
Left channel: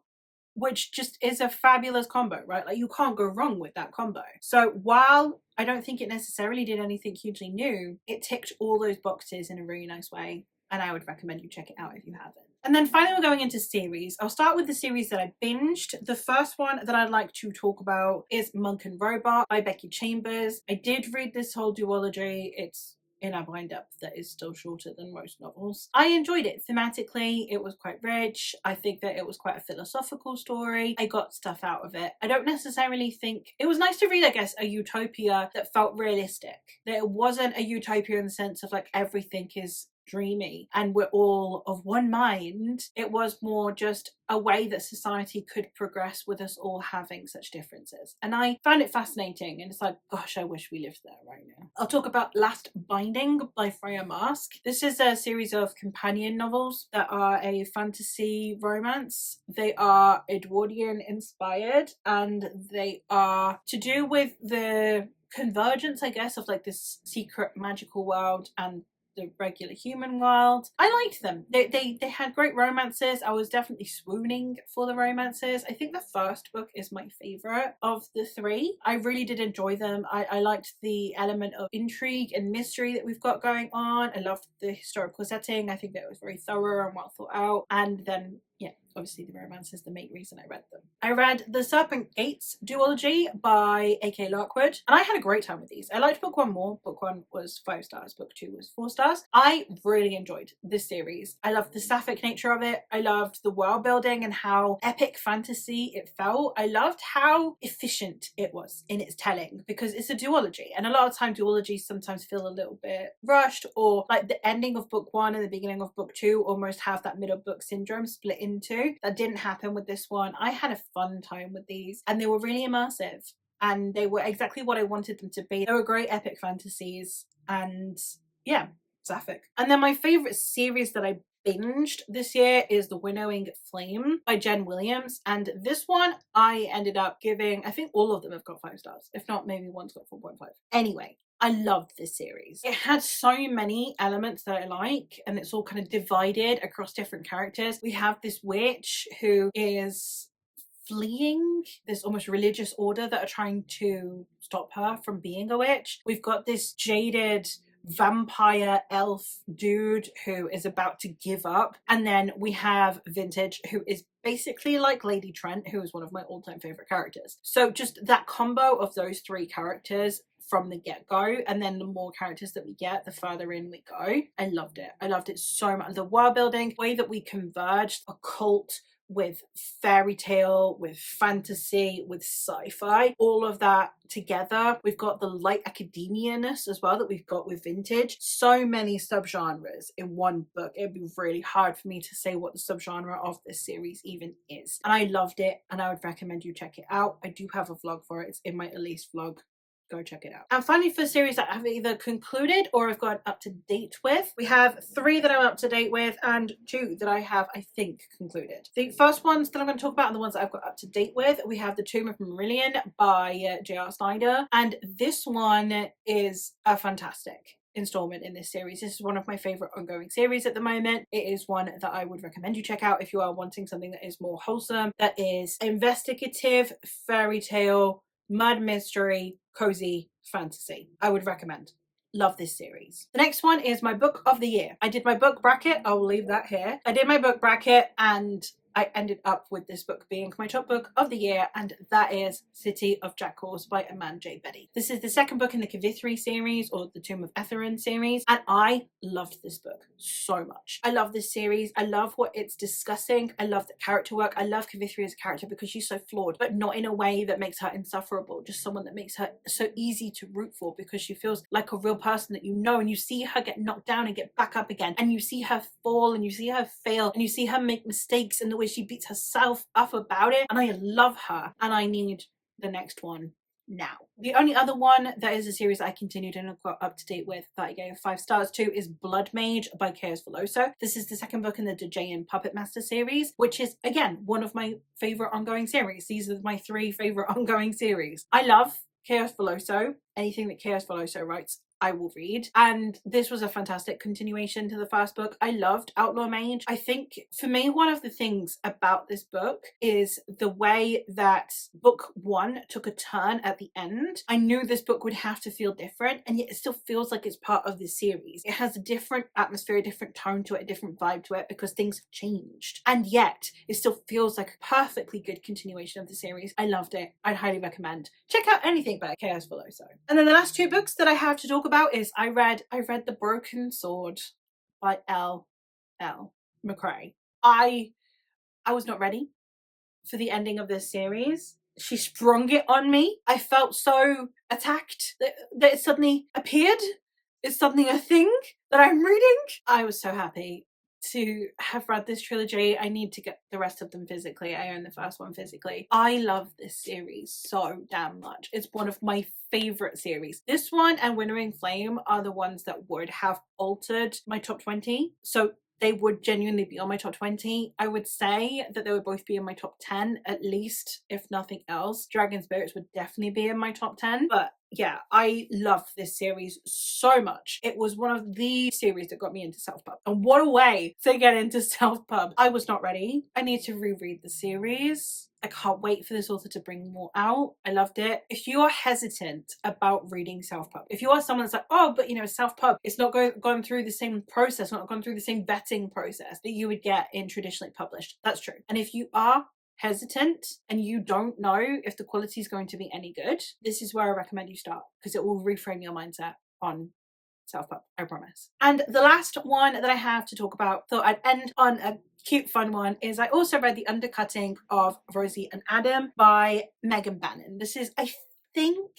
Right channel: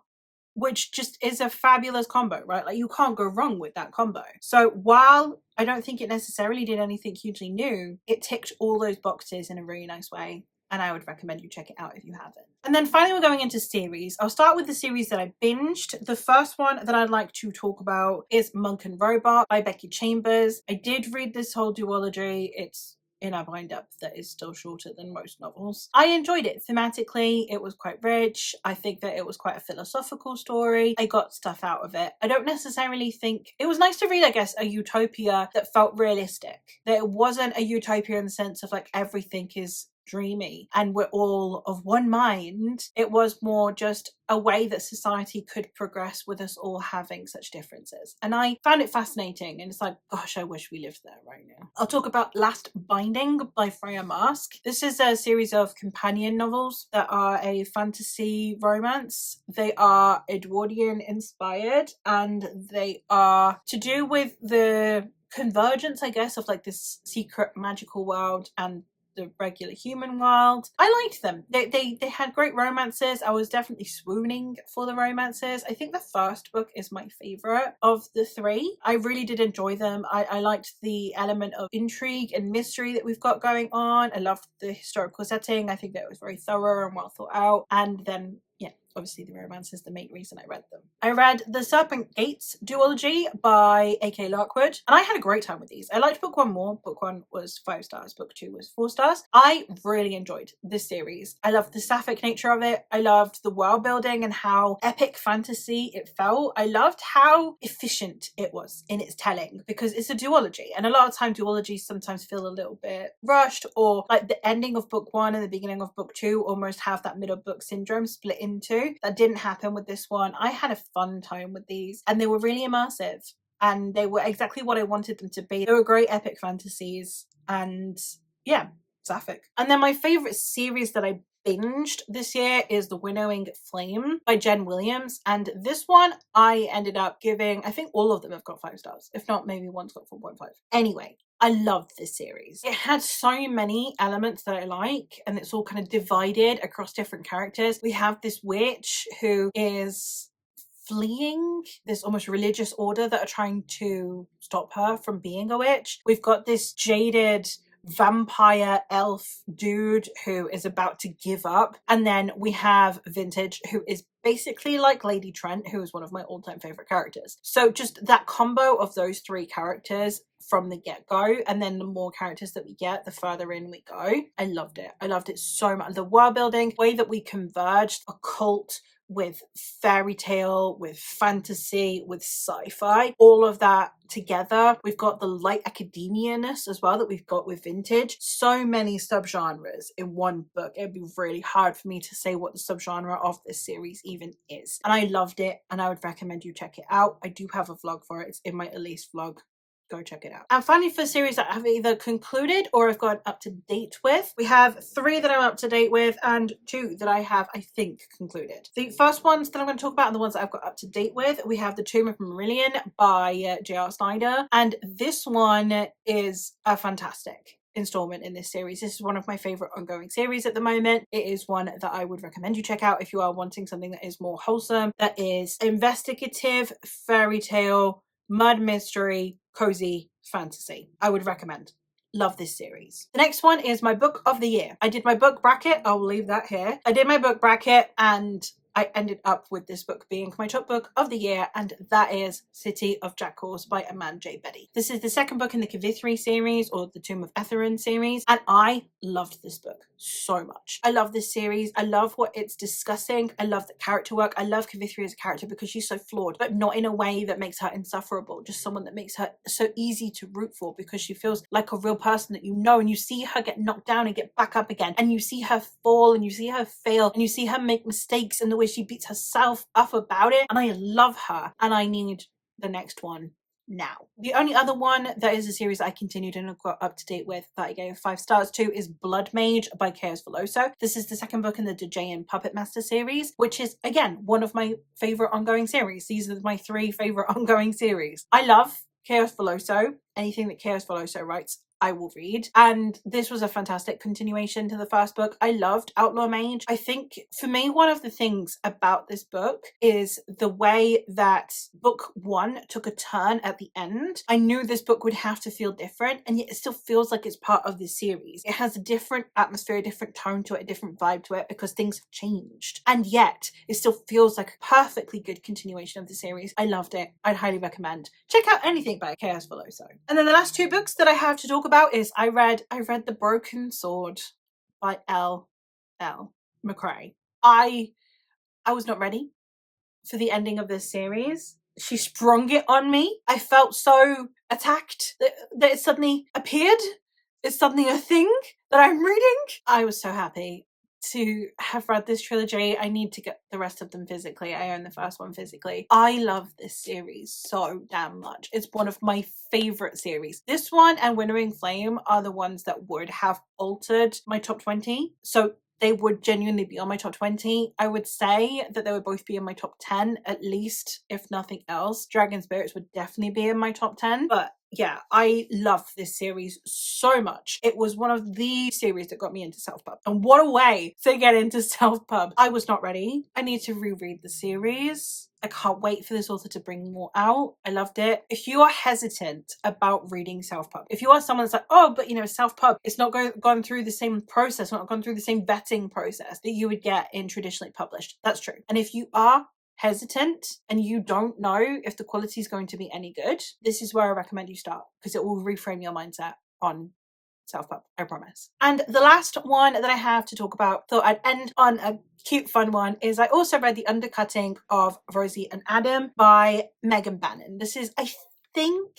which just is a fabulous combo, right? Like, you can't go wrong with that combo. So while I don't think it necessarily did anything hugely new, it ticked all those boxes in a really nice way, and I would recommend you check it out if you haven't. And then finally, we're going into series. I'll start with the series that I binged. The first one that I'd like to talk about is Monk and Robot by Becky Chambers. I did read this whole duology. It's in a bind-up that is still shorter than most novels. I enjoyed it. Thematically, it was quite rich. I think that it was quite a philosophical story. I got stuff out of it. I don't necessarily think... It was nice to read, I guess, a utopia that felt realistic. That it wasn't a utopia in the sense of, like, everything is dreamy and we're all of one mind. It was more just a way that society could progress with us all having such differences. And I found it fascinating, and it's like, gosh, I wish we lived there right now. I'll talk about Last Binding by Freya Marsk. This is a series of companion novels that are a fantasy romance. They are Edwardian inspired, and they are to do with the convergence, I guess, of like this secret magical world and the regular human world. I liked them. They had great romances. I was definitely swooning for the romances. I think the first book is my favorite of the three. I really did enjoy them. I liked the element of intrigue and mystery that we've got going on. I loved the historical setting. I think that it was very thorough and well thought out. And then, yeah, obviously the romance is the main reason I read them. I read The Serpent Gates duology by A.K. Larkwood, and I had a great time with these. I liked book 1 more. Book 1 was 5 stars, book 2 was 4 stars. I really enjoyed this series. I loved the sapphic nature of it. I loved the world building and how epic fantasy it felt. I loved how efficient it was in its telling, because it's a duology, and a lot of time duologies sometimes feel a little bit rushed, or like the ending of book 1 and the beginning of book 2 almost have that middle book syndrome split into. That didn't happen with this one. I had a fun time with these, and they were really immersive, and they were exactly what I wanted them to be. They were great epic fantasies, and yeah, sapphic. And then my favorite series that I binged this year is The Winnowing Flame by Jen Williams, and this one I ended up giving, I think all of them have got 5 stars, if not maybe one's got 4.5. Anyway, I loved this series. It had so many elements that I like, and it's all kind of divided across different characters. We have this witch who is fleeing this almost religious order that are trying to stop her from being a witch. We've got this jaded vampire elf dude who is about to give up, and then we have Vintage, who is basically like Lady Trent, who is one of my all-time favorite characters. So just that combo of those 3 characters from the get-go, and then the more characters that we get, the further in we go. I loved it. I loved it so much. The world building, the way that we converged occult with fairy tale, with fantasy, with sci-fi, all of that together. We've got the light academia-ness as well that we've got with Vintage. So many subgenres in one book. It'd be really hard for me to say what the subgenre of this series even is. And I loved it, and I would recommend you check it out. I do have a vlog for it. It's in my Elise vlog. Go check it out. And finally, for series that I've either concluded or I've gone up to date with, we have 3 that I'm up to date with and 2 that I have, I think, concluded. The first ones that I'm going to talk about are the ones that I've got up to date with. We have The Tomb of Marillion by J.R. Snyder, and this one is a fantastic installment in this series. This is one of my favorite ongoing series at the moment. It is one that I would recommend you check out if you are wanting something that is more wholesome, that is investigative, fairy tale, murder mystery, cozy fantasy. I would recommend. Love this series. The next one is my book of the year. I did my book bracket. I'll leave that here. I did my book bracket, and I ended up with this book being my top book of the year, and that is City of Jackals by Amanda J. Betty. This is the second book in the Kavithri series, or the Tomb of Etherin series, and I loved this book so much. I love this series. I love what it's discussing. I love the character work. I love Kavithri as a character because she's so flawed, but not in a way that makes her insufferable. Just someone that makes her so easy to root for because she feels like a real person that you know, and you see her get knocked down and get back up again, and you see her fall, and you see her fail, and you see her make mistakes, and the way she beats herself up about it. And I love her, and I need the next one now. The only other one that is a series I continued and got up to date with that I gave 5 stars to is Blood Mage by Chaos Veloso. This is the second book in the Dejayan Puppet Master series, which is, again, one of my favorite ongoing series. These are my 3 favorite ongoing series. I love Chaos Veloso. Anything that Chaos Veloso writes, I will read. And this was a fantastic continuation to the first book. I loved Outlaw Mage. I think for me, one of the things about this book is the way that book 1 took a turn at the end. I knew this book would have to feel different, and yet it still feels like it's part of the series. It has a different atmosphere, a different tone to it, a different vibe to it, because things have changed. And yet it still feels like a perfectly good continuation of the series. I loved it. I'd highly recommend. Check out anything by Chaos Veloso. And then the last 2 books that I have to talk about is I read The Broken Sword by L. McCrae. I was not ready for the ending of this series. She sprung it on me. I felt so attacked that it suddenly appeared. It's suddenly a thing that I'm reading. I was so happy to have read this trilogy. I need to get the rest of them physically. I own the first one physically. I love this series so damn much. It's one of my favorite series. This one and Winnowing Flame are the ones that would have altered my top 20. So they would genuinely be on my top 20. I would say that they would both be in my top 10, at least, if nothing else. Dragon Spirits would definitely be in my top 10. But yeah, I love this series so much. It was one of the series that got me into self-pub. And what a way to get into self-pub. I was not ready. I need to reread the series. I can't wait for this author to bring more out. I loved it. If you are hesitant about reading self-pub, if you are someone that's like, oh, but self-pub, it's not gone through the same process, not gone through the same vetting process that you would get in traditionally published. That's true. And if you are hesitant and you don't know if the quality is going to be any good, this is where I recommend you start, because it will reframe your mindset on self-pub, I promise. And the last one that I have to talk about, thought I'd end on a cute fun one, is I also read The Undercutting of Rosie and Adam by Megan Bannon. This is, I think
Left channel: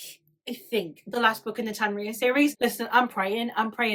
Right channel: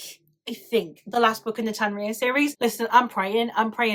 the last book in the Tanria series. Listen, I'm praying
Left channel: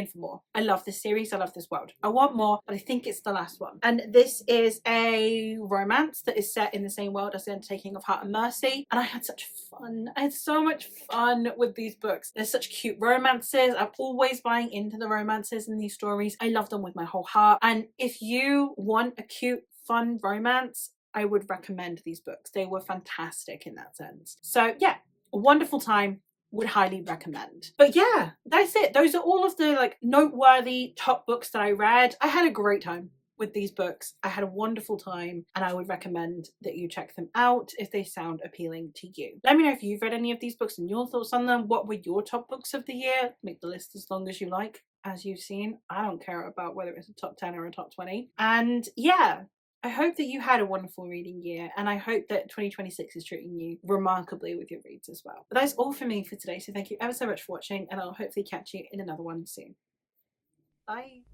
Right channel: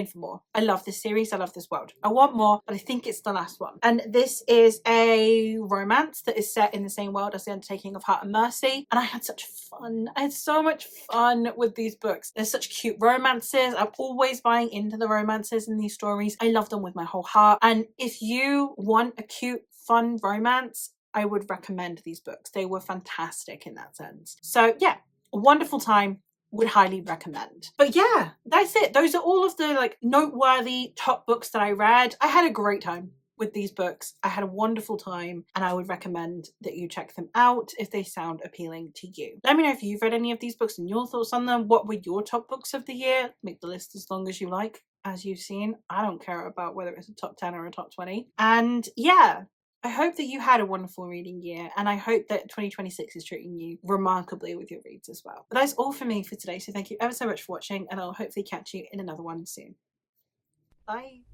for more. I love this series. I love this world. I want more, but I think it's the last one. And this is a romance that is set in the same world as The Undertaking of Heart and Mercy. And I had such fun. I had so much fun with these books. They're such cute romances. I'm always buying into the romances in these stories. I love them with my whole heart. And if you want a cute, fun romance, I would recommend these books. They were fantastic in that sense. So yeah, a wonderful time. Would highly recommend. But yeah, that's it. Those are all of the noteworthy top books that I read. I had a great time with these books. I had a wonderful time, and I would recommend that you check them out if they sound appealing to you. Let me know if you've read any of these books and your thoughts on them. What were your top books of the year? Make the list as long as you like. As you've seen, I don't care about whether it's a top 10 or a top 20. And yeah, I hope that you had a wonderful reading year, and I hope that 2026 is treating you remarkably with your reads as well. But that's all for me for today, so thank you ever so much for watching, and I'll hopefully catch you in another one soon. Bye.